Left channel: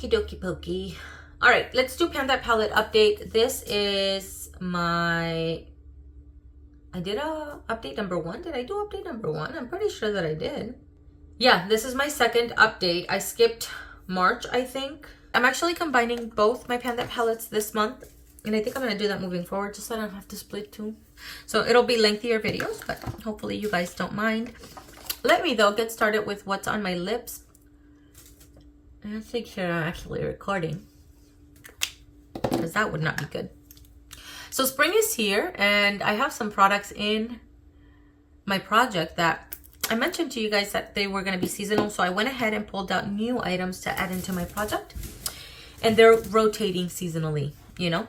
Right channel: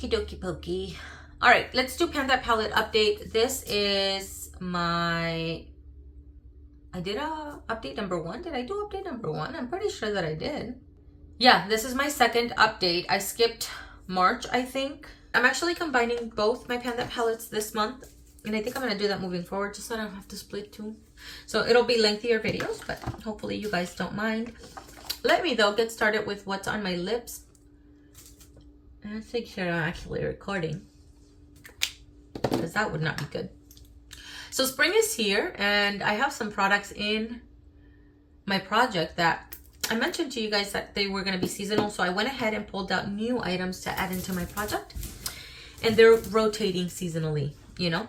Okie dokie pokey. All right, let's do Pan That Palette update. This is my... I did a update number 1. Did I do update number 1? I'm pretty sure that I did. Yeah, this is my second update. I skipped March, I think. I'm actually combining both my Pan That palettes this month. And I think I'm going to do that moving forward just so I don't have to split two. So it'll be lengthier videos, but hopefully you guys don't mind. Let me, though, get started with what's on my lips. I think sure I'm actually recording, because that would not be good. So spring is here, and I have some products in my project that I mentioned to you guys that they were going to be seasonal. So I went ahead and pulled out new items to add into my project, and they're rotating seasonally, you know.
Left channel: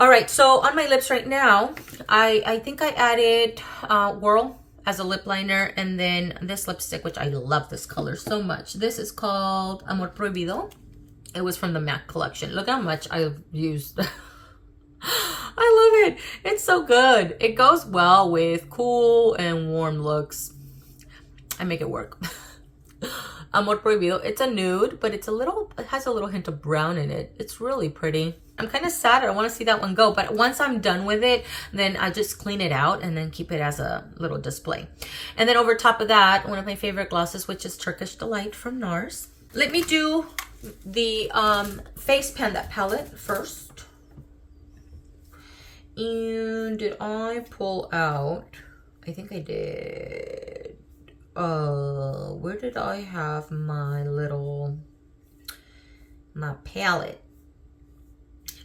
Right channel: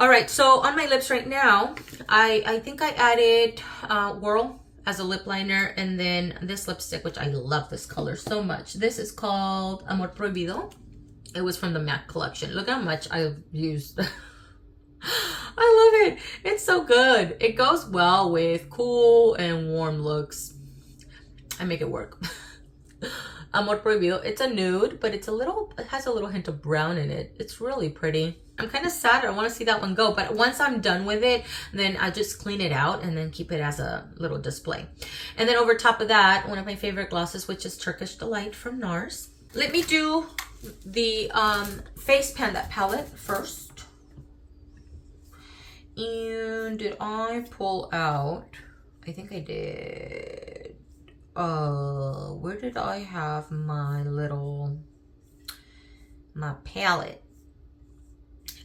All right, so on my lips right now, I think I added Whirl as a lip liner, and then this lipstick, which I love this color so much. This is called Amor Prohibido. It was from the MAC collection. Look how much I've used. I love it. It's so good. It goes well with cool and warm looks. I make it work. Amor Prohibido. It's a nude, but it has a little hint of brown in it. It's really pretty. I'm kind of sad. I want to see that one go, but once I'm done with it, then I just clean it out and then keep it as a little display. And then over top of that, one of my favorite glosses, which is Turkish Delight from NARS. Let me do the face Pan That palette first. And did I pull out? I think I did. Where did I have my palette?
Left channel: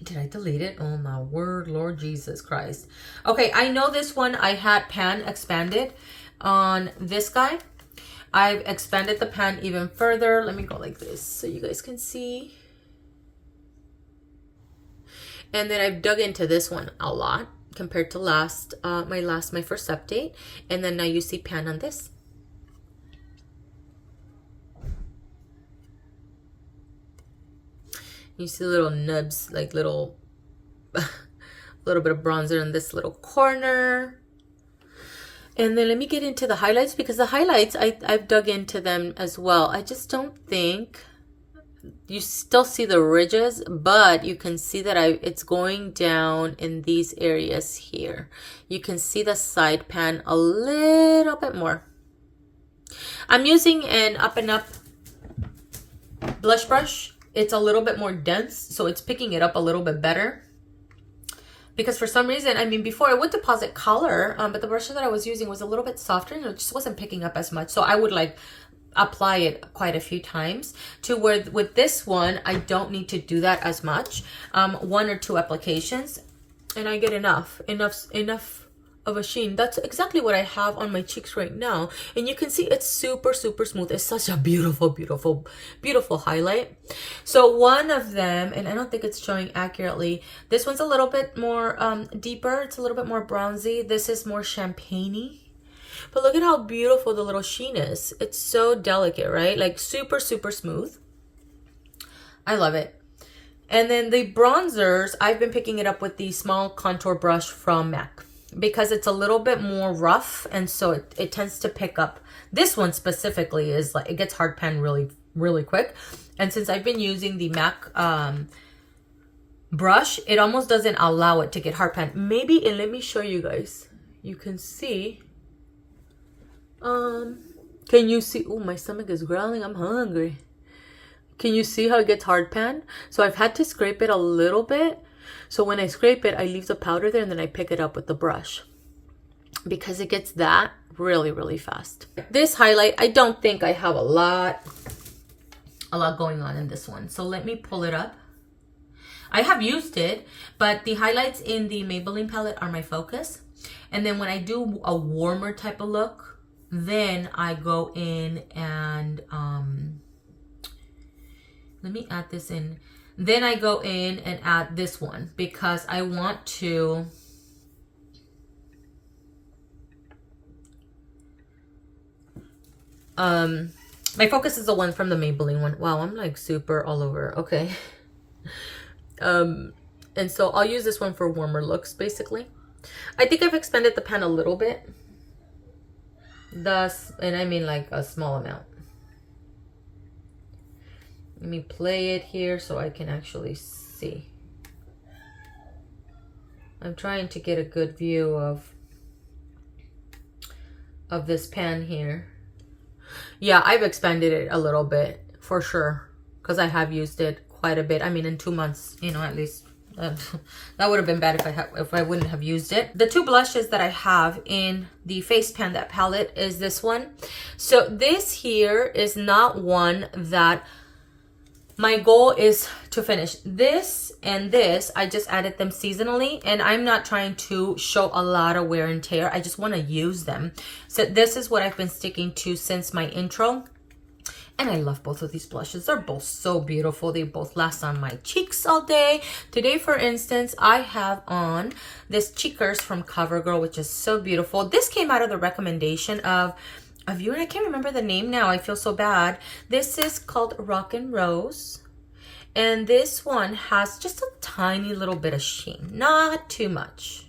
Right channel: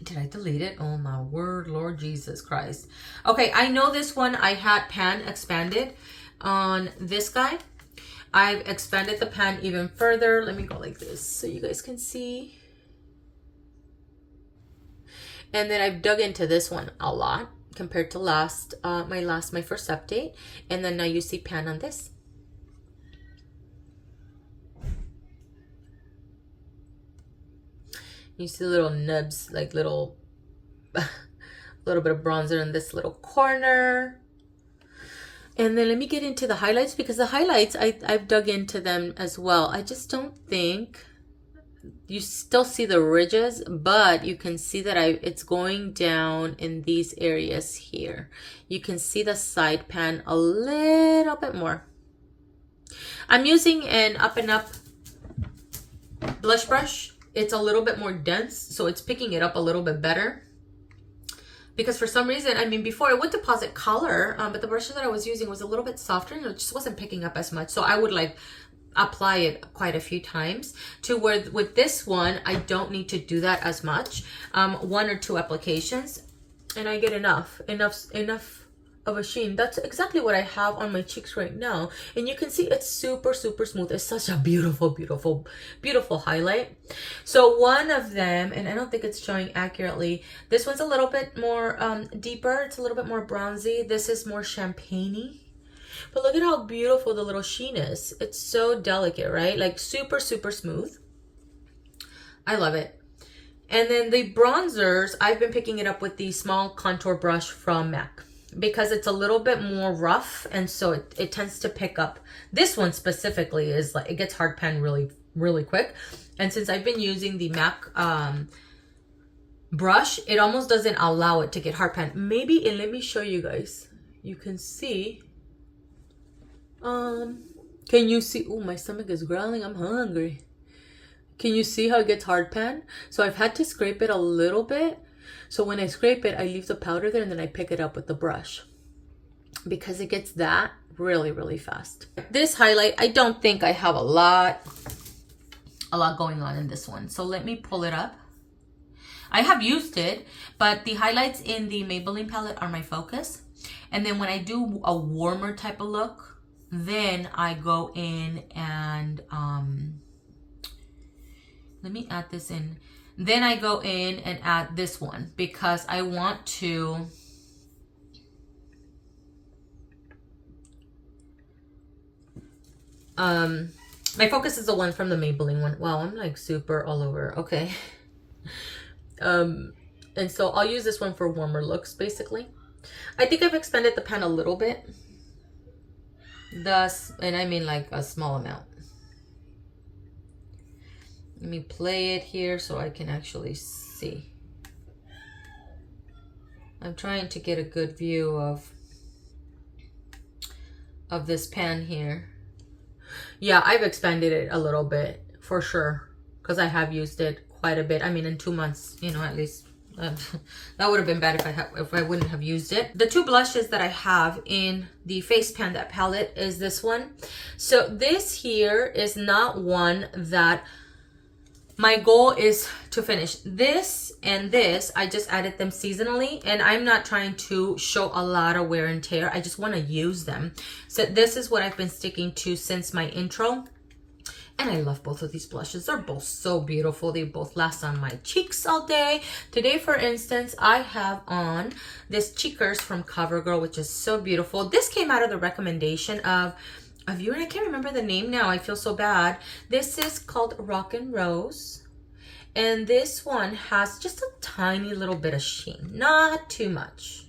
Did I delete it? Oh my word, Lord Jesus Christ. Okay, I know this one I had pan expanded on this guy. I've expanded the pan even further. Let me go like this so you guys can see. And then I've dug into this one a lot compared to my first update. And then now you see pan on this. You see little nubs, like little bit of bronzer in this little corner. And then let me get into the highlights, because the highlights, I've dug into them as well. I just don't think you still see the ridges, but you can see that it's going down in these areas here. You can see the side pan a little bit more. I'm using an Up and Up blush brush. It's a little bit more dense, so it's picking it up a little bit better. Because for some reason, I mean, before it would deposit color, but the brush that I was using was a little bit softer and it just wasn't picking up as much. So I would like apply it quite a few times, to where with this one, I don't need to do that as much. 1 or 2 applications and I get enough of a sheen. That's exactly what I have on my cheeks right now, and you can see it's super smooth. It's such a beautiful highlight. So one of them, and I don't think it's showing accurately, this one's a little bit more deeper. It's a little bit more bronzy. This is more champagne-y, but look at how beautiful the little sheen is. It's so delicate, right? Like super smooth. I love it. And then the bronzers, I've been picking it up with the small contour brush from MAC, because it's a little bit more rough, and so it tends to pick up. This one specifically is like, it gets hard pan really quick. And since I've been using the MAC brush, it almost doesn't allow it to get hard pan. Maybe, and let me show you guys. You can see. Can you see? Oh, my stomach is growling. I'm hungry. Can you see how it gets hard pan? So I've had to scrape it a little bit. So when I scrape it, I leave the powder there and then I pick it up with the brush, because it gets that really fast. This highlight, I don't think I have a lot going on in this one. So let me pull it up. I have used it, but the highlights in the Maybelline palette are my focus. And then when I do a warmer type of look, then I go in and let me add this in. Then I go in and add this one, because I want to my focus is the one from the Maybelline one. Wow, I'm like super all over. Okay. And so I'll use this one for warmer looks, basically. I think I've expanded the pan a little bit. And I mean like a small amount. Let me play it here so I can actually see. I'm trying to get a good view of this pan here. Yeah, I've expanded it a little bit for sure, because I have used it quite a bit. I mean, in 2 months, you know, at least. That would have been bad if I wouldn't have used it. The two blushes that I have in the Face Panda palette is this one. So this here is not one that my goal is to finish. This and this, I just added them seasonally, and I'm not trying to show a lot of wear and tear. I just want to use them. So this is what I've been sticking to since my intro. And I love both of these blushes. They're both so beautiful. They both last on my cheeks all day. Today, for instance, I have on this Cheekers from CoverGirl, which is so beautiful. This came out of the recommendation of a viewer. I can't remember the name now. I feel so bad. This is called Rock and Rose. And this one has just a tiny little bit of sheen. Not too much.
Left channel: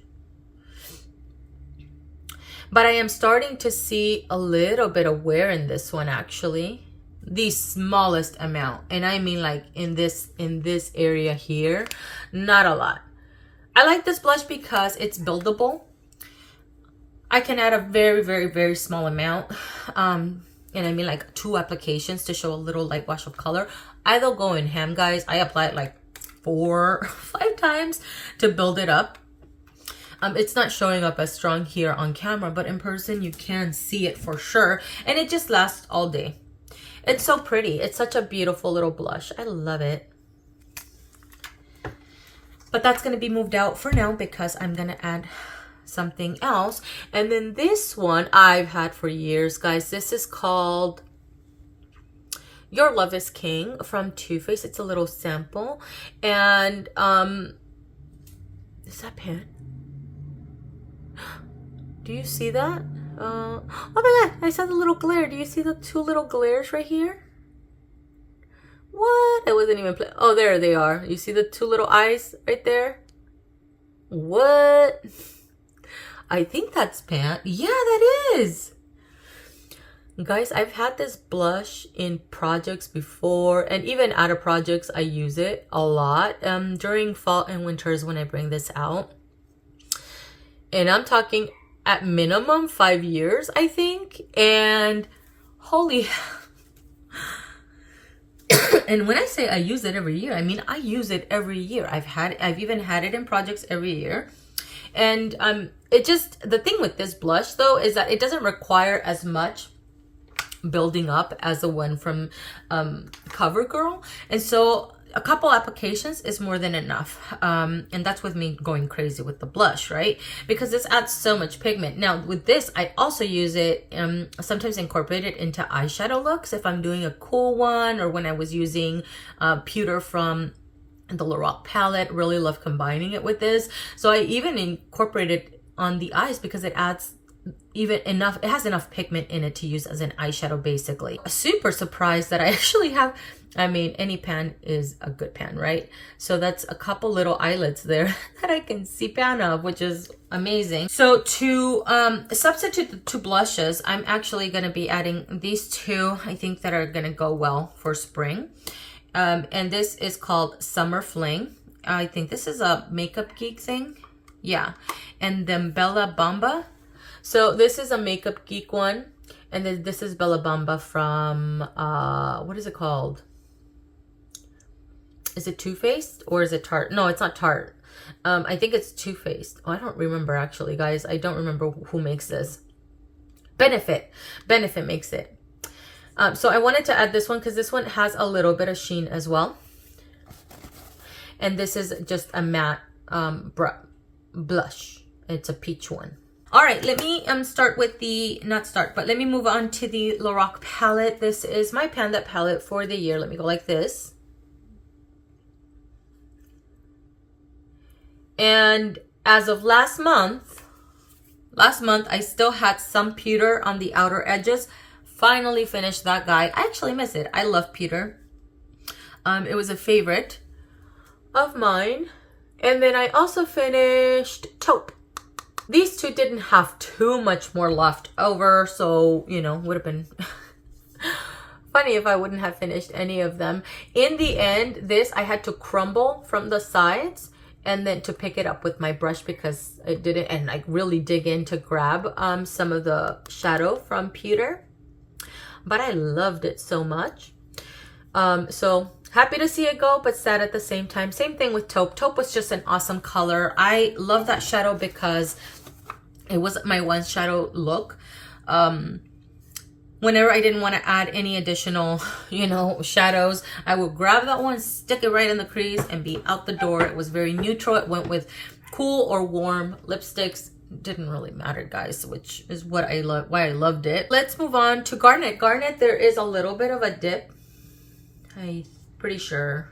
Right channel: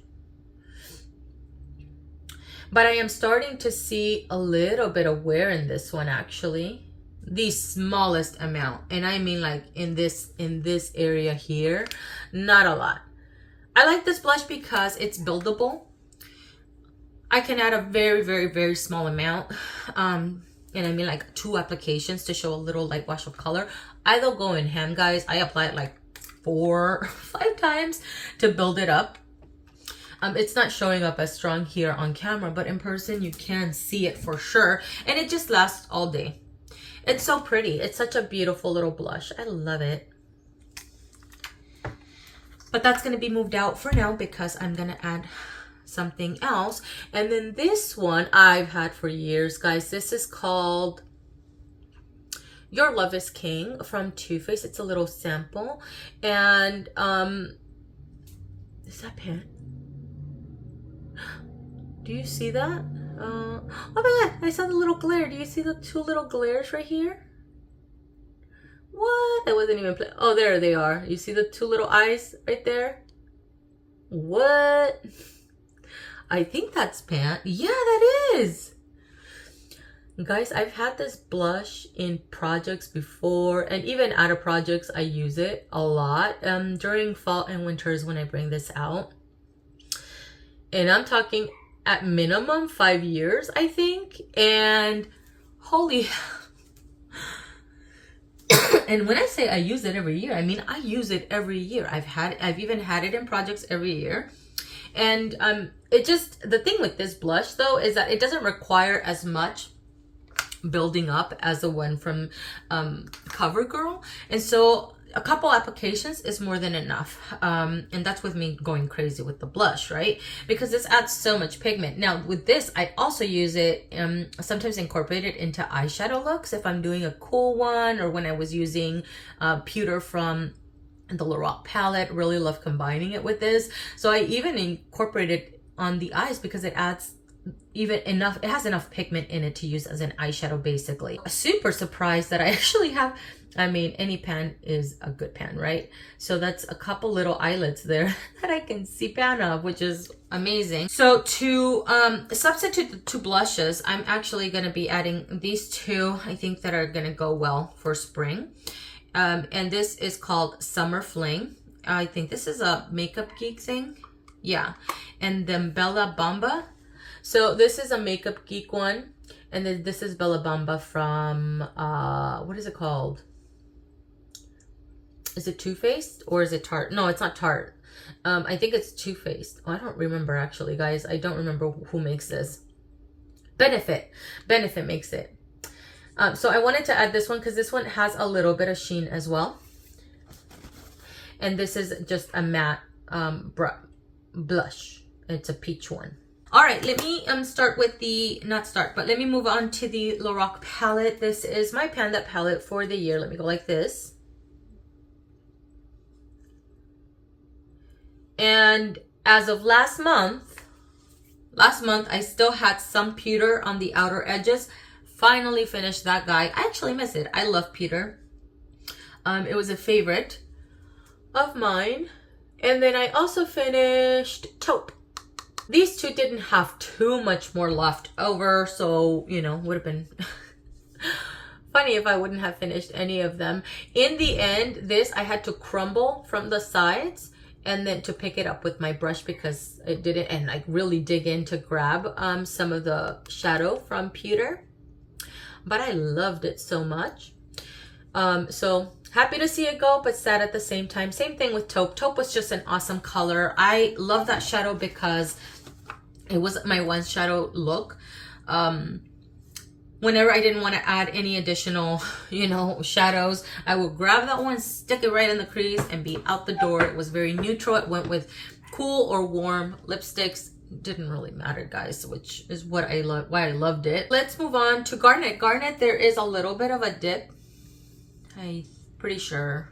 But I am starting to see a little bit of wear in this one, actually. The smallest amount, and I mean like in this area here, not a lot. I like this blush because it's buildable. I can add a very small amount, and I mean like 2 applications to show a little light wash of color. I don't go in ham, guys. I apply it like 4 or 5 times to build it up. It's not showing up as strong here on camera, but in person you can see it for sure, and it just lasts all day. It's so pretty. It's such a beautiful little blush. I love it. But that's going to be moved out for now because I'm going to add something else. And then this one I've had for years, guys. This is called Your Love is King from Too Faced. It's a little sample. And is that pan? Do you see that? Oh my god, I saw the little glare. Do you see the 2 little glares right here? What? I wasn't even playing. Oh, there they are. You see the 2 little eyes right there? What? I think that's pan. Yeah, that is. Guys, I've had this blush in projects before, and even out of projects, I use it a lot. During fall and winters when I bring this out. And I'm talking at minimum 5 years, I think. And holy and when I say I use it every year, I mean I use it every year. I've even had it in projects every year. And it just, the thing with this blush though is that it doesn't require as much building up as the one from CoverGirl. And so a couple applications is more than enough. And that's with me going crazy with the blush, right? Because this adds so much pigment. Now with this, I also use it, sometimes incorporate it into eyeshadow looks if I'm doing a cool one, or when I was using pewter from the Lorac palette. Really love combining it with this. So I even incorporate it on the eyes because it adds even enough, it has enough pigment in it to use as an eyeshadow basically. Super surprised that I actually have, I mean, any pan is a good pan, right? So that's a couple little eyelets there that I can see pan of, which is amazing. So to substitute the 2 blushes, I'm actually going to be adding these 2, I think, that are going to go well for spring. And this is called Summer Fling. I think this is a Makeup Geek thing. Yeah. And then Bella Bamba. So this is a Makeup Geek one. And then this is Bella Bamba from, what is it called? Is it Too Faced or is it Tarte? No, it's not Tarte. I think it's Too Faced. Oh, I don't remember actually, guys. I don't remember who makes this. Benefit makes it. So I wanted to add this one because this one has a little bit of sheen as well. And this is just a matte blush. It's a peach one. All right, let me start with the, let me move on to the Lorac palette. This is my Panda palette for the year. Let me go like this. And as of last month, I still had some pewter on the outer edges. Finally finished that guy. I actually miss it. I love pewter. It was a favorite of mine. And then I also finished taupe. These 2 didn't have too much more left over, so, you know, would have been funny if I wouldn't have finished any of them. In the end, this I had to crumble from the sides and then to pick it up with my brush because it didn't, and like really dig in to grab some of the shadow from Peter. But I loved it so much. So happy to see it go, but sad at the same time. Same thing with taupe. Taupe was just an awesome color. I love that shadow because it was my one shadow look. Whenever I didn't want to add any additional, you know, shadows, I would grab that one, stick it right in the crease, and be out the door. It was very neutral. It went with cool or warm lipsticks. Didn't really matter, guys, which is what I love, why I loved it. Let's move on to Garnet. Garnet, there is a little bit of a dip. I'm pretty sure.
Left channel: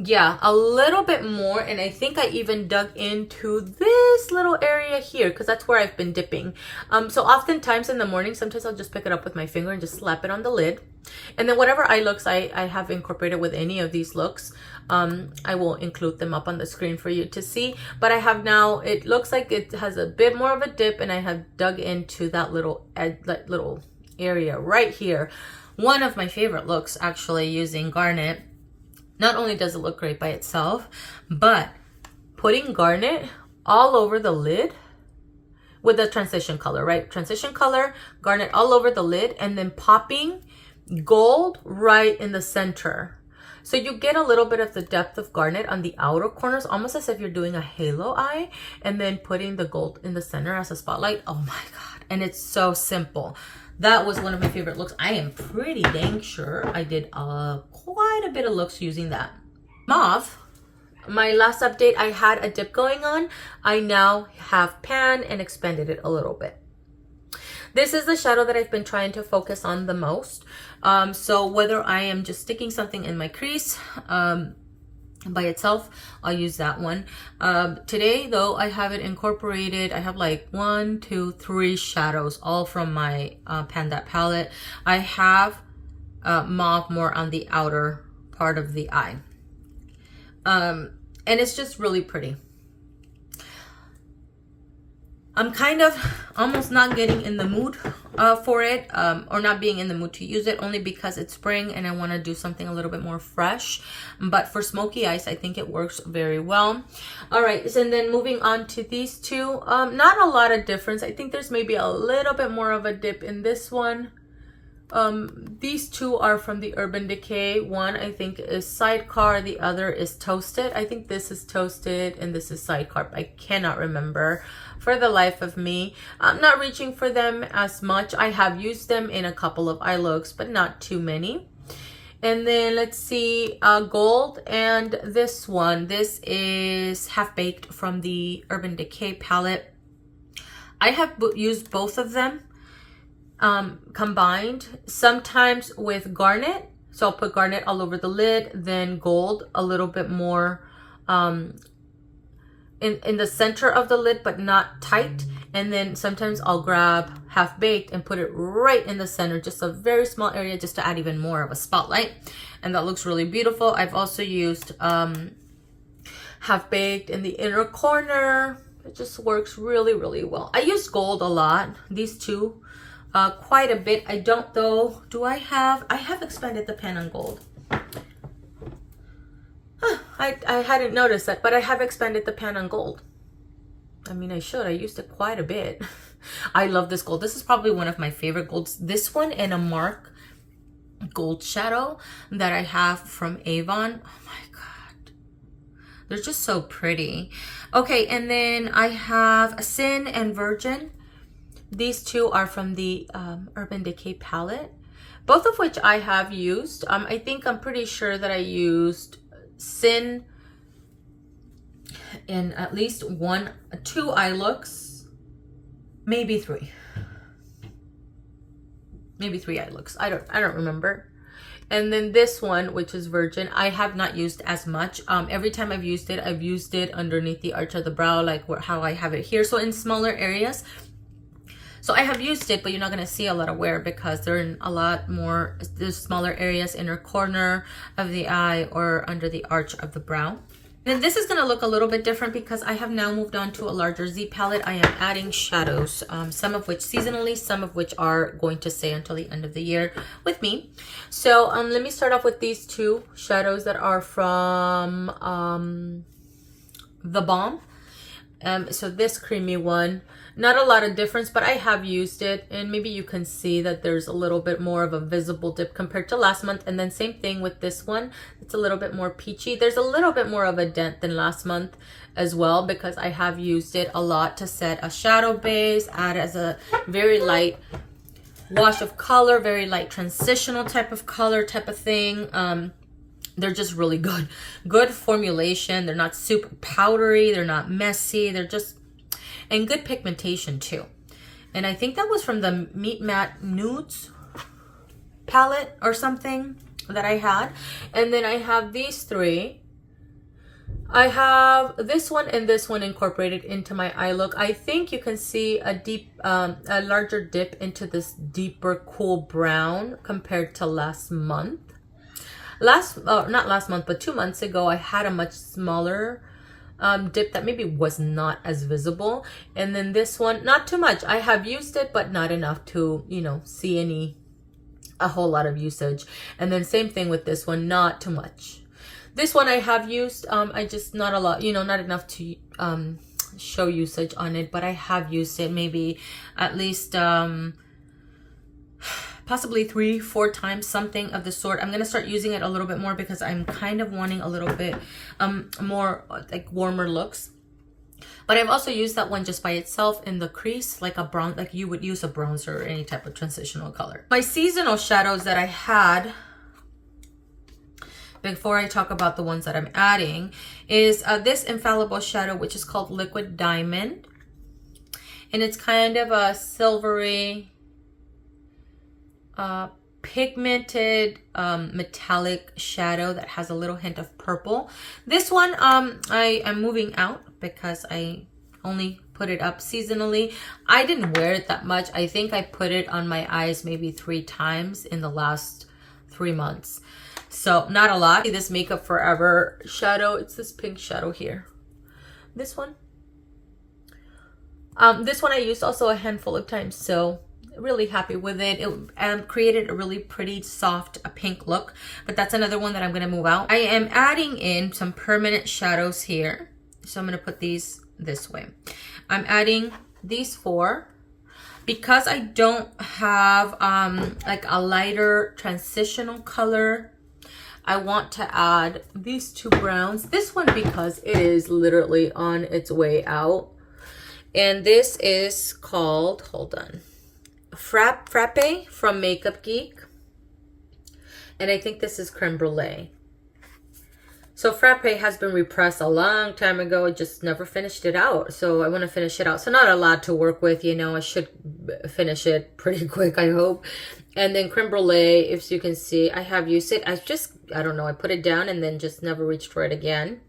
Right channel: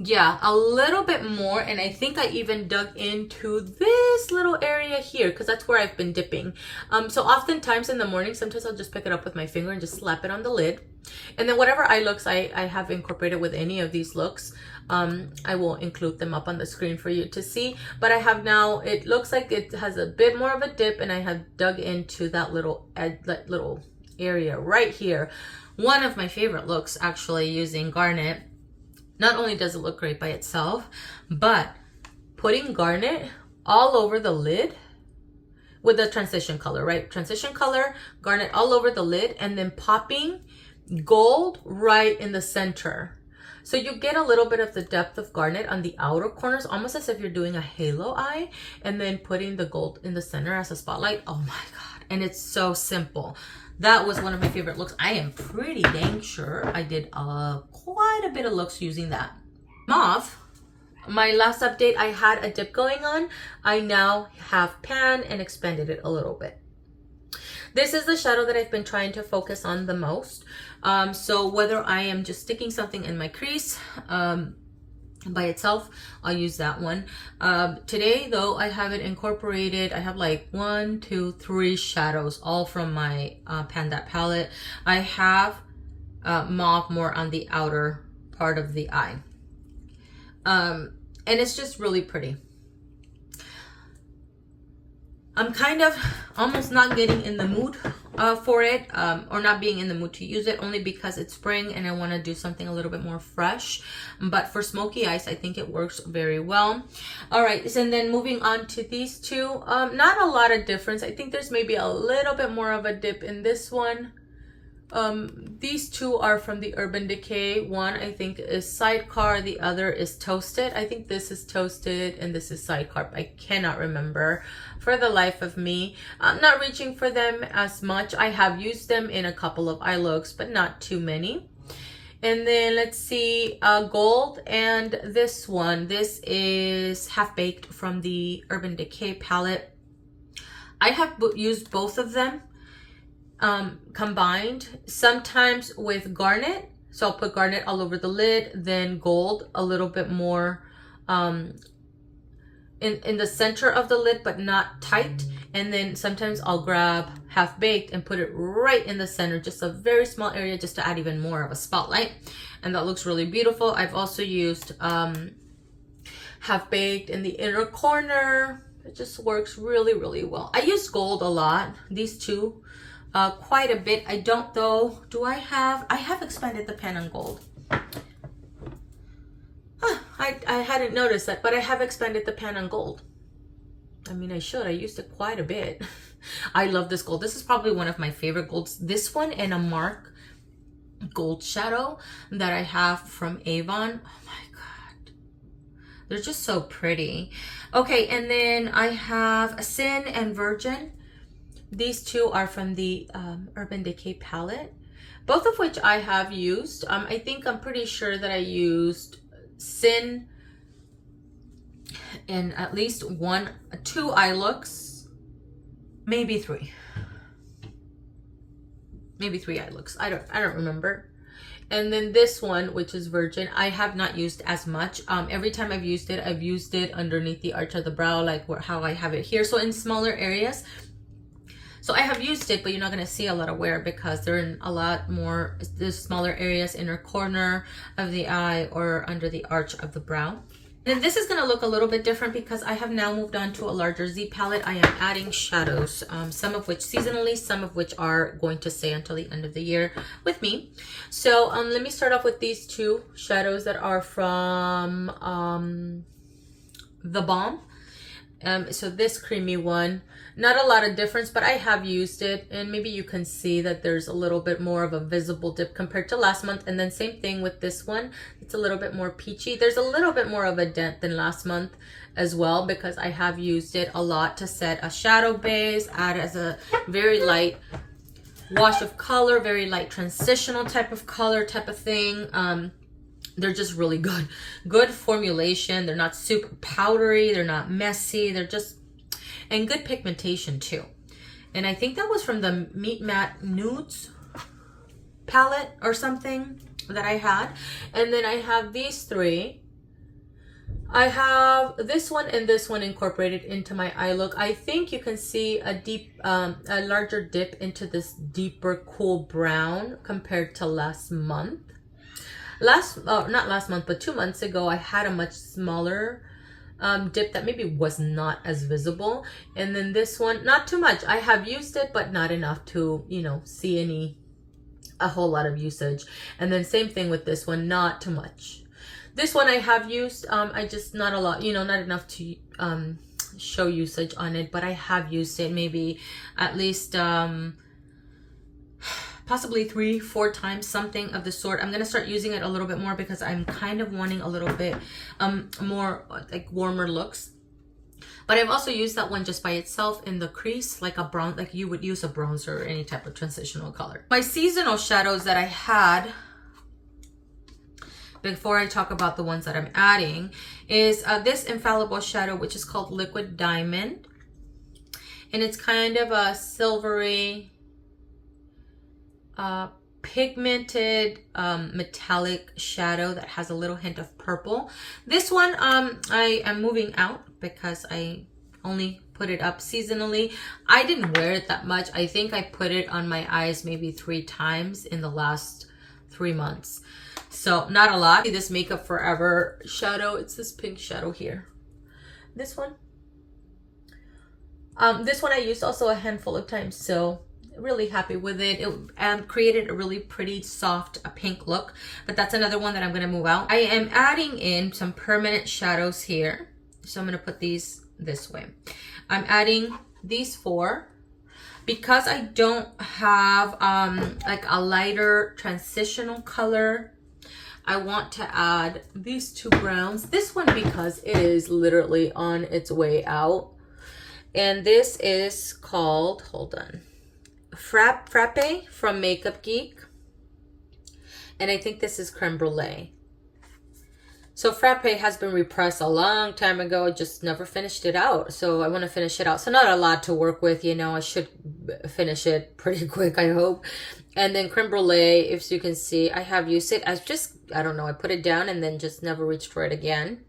Yeah, a little bit more, and I think I even dug into this little area here because that's where I've been dipping. So oftentimes in the morning, sometimes I'll just pick it up with my finger and just slap it on the lid. And then whatever eye looks I have incorporated with any of these looks, I will include them up on the screen for you to see. But I have now, it looks like it has a bit more of a dip, and I have dug into that little area right here. One of my favorite looks, actually, using Garnet. Not only does it look great by itself, but putting Garnet all over the lid with the transition color, right? Transition color, Garnet all over the lid, and then popping gold right in the center. So you get a little bit of the depth of Garnet on the outer corners, almost as if you're doing a halo eye, and then putting the gold in the center as a spotlight. Oh my God. And it's so simple. That was one of my favorite looks. I am pretty dang sure I did quite a bit of looks using that. Mauve, my last update, I had a dip going on. I now have panned and expanded it a little bit. This is the shadow that I've been trying to focus on the most. So whether I am just sticking something in my crease by itself, I'll use that one. Today though, I have it incorporated. I have like 1, 2, 3 shadows, all from my Pan That palette. I have mauve more on the outer part of the eye. And it's just really pretty. I'm kind of almost not getting in the mood for it, or not being in the mood to use it, only because it's spring and I want to do something a little bit more fresh. But for smoky eyes, I think it works very well. All right, so and then moving on to these two, not a lot of difference. I think there's maybe a little bit more of a dip in this one. These two are from the Urban Decay. One I think is Sidecar, the other is Toasted. I think this is Toasted and this is Sidecar. I cannot remember for the life of me. I'm not reaching for them as much. I have used them in a couple of eye looks, but not too many. And then let's see, Gold, and this one. This is Half Baked from the Urban Decay palette. I have used both of them combined, sometimes with Garnet. So I'll put Garnet all over the lid, then Gold a little bit more in the center of the lid, but not tight. And then sometimes I'll grab Half Baked and put it right in the center, just a very small area, just to add even more of a spotlight. And that looks really beautiful. I've also used Half Baked in the inner corner. It just works really, really well. I use Gold a lot, these two, quite a bit. I don't though, I have expanded the pan on Gold. I hadn't noticed that, but I have expanded the pan on Gold. I mean, I should. I used it quite a bit. I love this gold. This is probably one of my favorite golds. This one and a Mark gold shadow that I have from Avon. Oh my God. They're just so pretty. Okay, and then I have Sin and Virgin. These two are from the Urban Decay palette, both of which I have used. I think I'm pretty sure that I used Sin in at least 2 eye looks, maybe 3. Maybe 3 eye looks. I don't remember. And then this one, which is Virgin, I have not used as much. Every time I've used it underneath the arch of the brow, like how I have it here. So in smaller areas. So I have used it, but you're not going to see a lot of wear because they're in a lot more, there's smaller areas, inner corner of the eye or under the arch of the brow. Then this is going to look a little bit different because I have now moved on to a larger Z palette. I am adding shadows, some of which seasonally, some of which are going to stay until the end of the year with me. So let me start off with these two shadows that are from The Balm. So this creamy one, not a lot of difference, but I have used it, and maybe you can see that there's a little bit more of a visible dip compared to last month. And then same thing with this one, it's a little bit more peachy. There's a little bit more of a dent than last month as well, because I have used it a lot to set a shadow base, add as a very light wash of color, very light transitional type of color type of thing. They're just really good formulation. They're not super powdery, they're not messy, they're just, and good pigmentation too. And I think that was from the Meet Matte Nudes palette or something that I had. And then I have these three. I have this one and this one incorporated into my eye look. I think you can see a larger dip into this deeper cool brown compared to last month. Not last month, but 2 months ago, I had a much smaller dip that maybe was not as visible. And then this one, not too much. I have used it, but not enough to, you know, see a whole lot of usage. And then same thing with this one, not too much. This one I have used, I just not a lot, you know, not enough to show usage on it, but I have used it maybe at least possibly 3-4 times, something of the sort. I'm going to start using it a little bit more because I'm kind of wanting a little bit more like warmer looks. But I've also used that one just by itself in the crease, like a brown, like you would use a bronzer or any type of transitional color. My seasonal shadows that I had, before I talk about the ones that I'm adding, is this Infallible shadow, which is called Liquid Diamond. And it's kind of a silvery, pigmented metallic shadow that has a little hint of purple. This one I am moving out because I only put it up seasonally. I didn't wear it that much. I think I put it on my eyes maybe 3 times in the last 3 months. So not a lot. This Makeup Forever shadow, it's this pink shadow here. This one I used also a handful of times, so really happy with it. It created a really pretty soft pink look, but that's another one that I'm going to move out. I am adding in some permanent shadows here, so I'm going to put these this way. I'm adding these 4 because I don't have like a lighter transitional color. I want to add these 2 browns. This one because it is literally on its way out, and this is called, hold on, Frappe from Makeup Geek, and I think this is Creme Brulee. So Frappe has been repressed a long time ago. I just never finished it out, so I want to finish it out. So not a lot to work with, you know. I should finish it pretty quick, I hope. And then Creme Brulee, if you can see, I have used it. I don't know, I put it down and then just never reached for it again,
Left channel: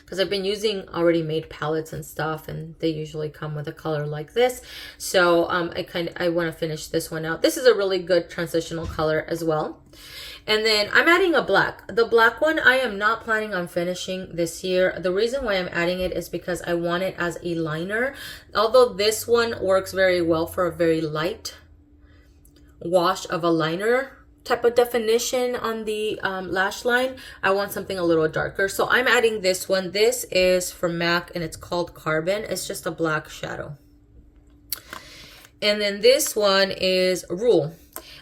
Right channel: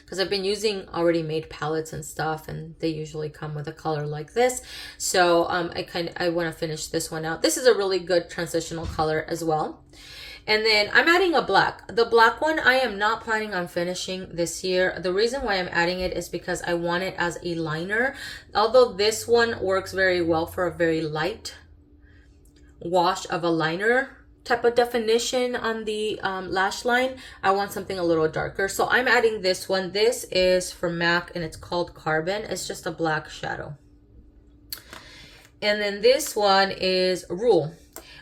because I've been using already made palettes and stuff, and they usually come with a color like this. So I want to finish this one out. This is a really good transitional color as well. And then I'm adding a black. The black one I am not planning on finishing this year. The reason why I'm adding it is because I want it as a liner. Although this one works very well for a very light wash of a liner type of definition on the lash line, I want something a little darker. So I'm adding this one. This is from MAC and it's called Carbon. It's just a black shadow. And then this one is Rule.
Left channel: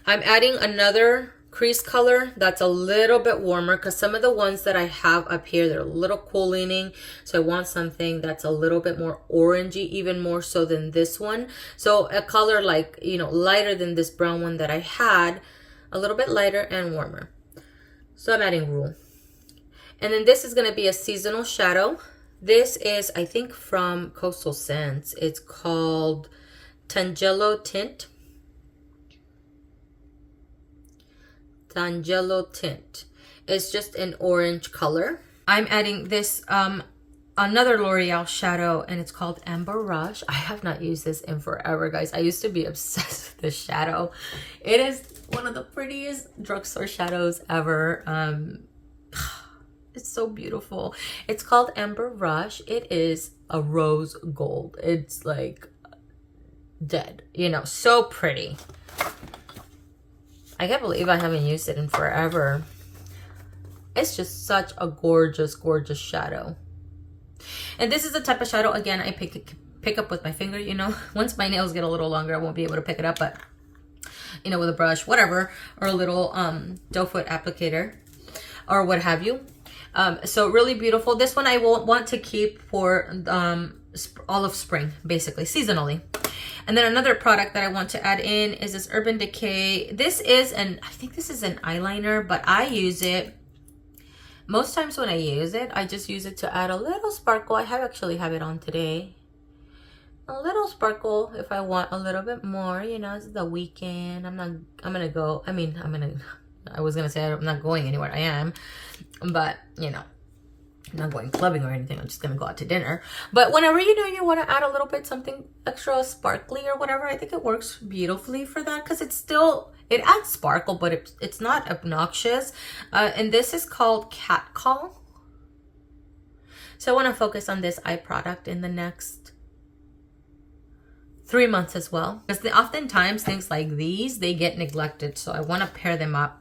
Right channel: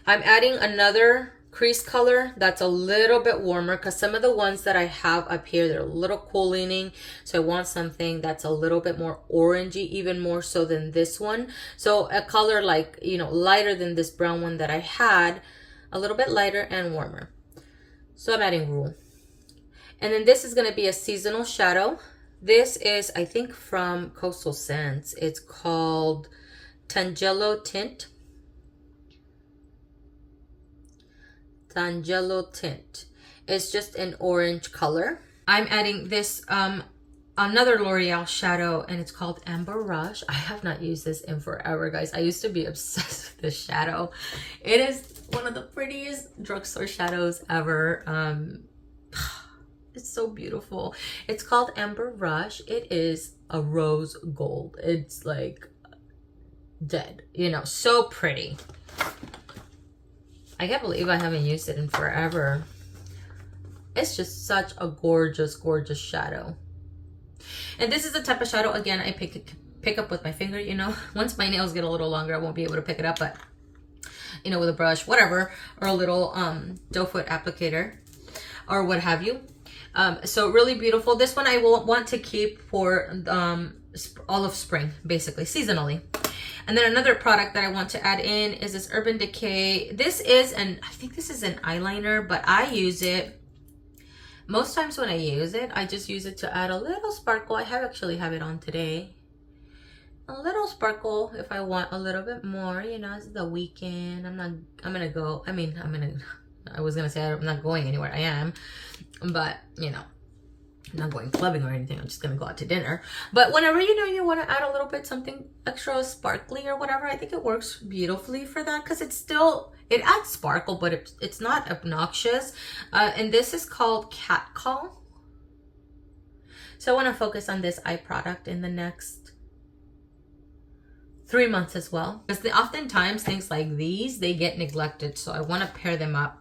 I'm adding another crease color that's a little bit warmer, because some of the ones that I have up here, they're a little cool leaning. So I want something that's a little bit more orangey, even more so than this one. So a color like, you know, lighter than this brown one that I had, a little bit lighter and warmer. So I'm adding Rule. And then this is going to be a seasonal shadow. This is, I think, from Coastal Scents. It's called Tangelo Tint. Tangelo Tint. It's just an orange color. I'm adding this another L'Oreal shadow, and it's called Amber Rush. I have not used this in forever, guys. I used to be obsessed with this shadow. It is one of the prettiest drugstore shadows ever. It's so beautiful. It's called Amber Rush. It is a rose gold. It's like dead, you know, so pretty. I can't believe I haven't used it in forever. It's just such a gorgeous, gorgeous shadow. And this is the type of shadow, again, I pick up with my finger, you know. Once my nails get a little longer, I won't be able to pick it up, but, you know, with a brush, whatever, or a little doe foot applicator, or what have you. So really beautiful. This one I will want to keep for all of spring, basically, seasonally. And then another product that I want to add in is this Urban Decay. This is I think this is an eyeliner, but I use it, most times when I use it, I just use it to add a little sparkle. I actually have it on today. A little sparkle if I want a little bit more, you know, it's the weekend. I was gonna say I'm not going anywhere. I am, but you know, I'm not going clubbing or anything. I'm just gonna go out to dinner. But whenever you know you want to add a little bit something extra sparkly or whatever, I think it works beautifully for that, because it adds sparkle, but it's not obnoxious. And this is called Cat Call. So I want to focus on this eye product in the next 3 months as well, because oftentimes things like these, they get neglected. So I want to pair them up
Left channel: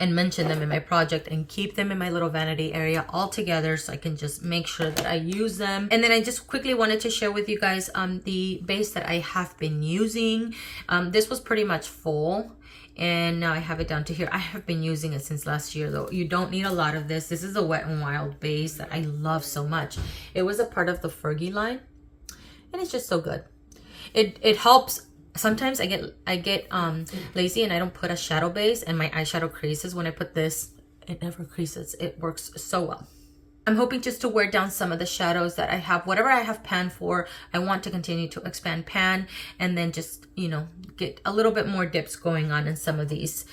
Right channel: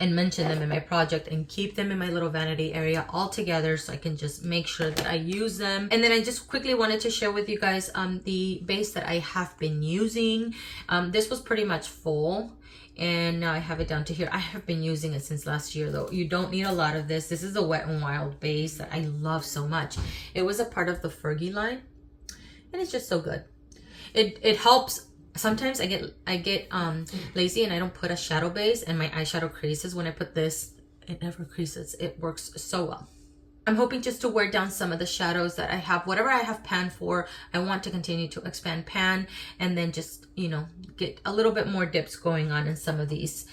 and mention them in my project and keep them in my little vanity area all together, so I can just make sure that I use them. And then I just quickly wanted to share with you guys the base that I have been using. This was pretty much full, and now I have it down to here. I have been using it since last year, though. You don't need a lot of this. This is a Wet n Wild base that I love so much. It was a part of the Fergie line, and it's just so good. It helps. Sometimes I get lazy and I don't put a shadow base, and my eyeshadow creases. When I put this, it never creases. It works so well. I'm hoping just to wear down some of the shadows that I have. Whatever I have pan for, I want to continue to expand pan, and then just, you know, get a little bit more dips going on in some of these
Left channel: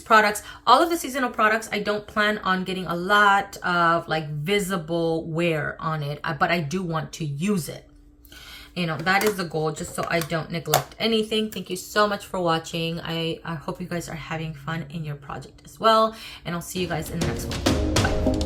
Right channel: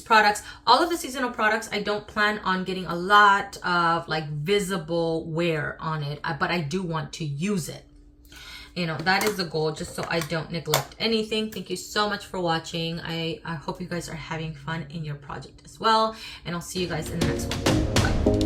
products. All of the seasonal products, I don't plan on getting a lot of like visible wear on it, but I do want to use it. You know, that is the goal, just so I don't neglect anything. Thank you so much for watching. I hope you guys are having fun in your project as well. And I'll see you guys in the next one. Bye.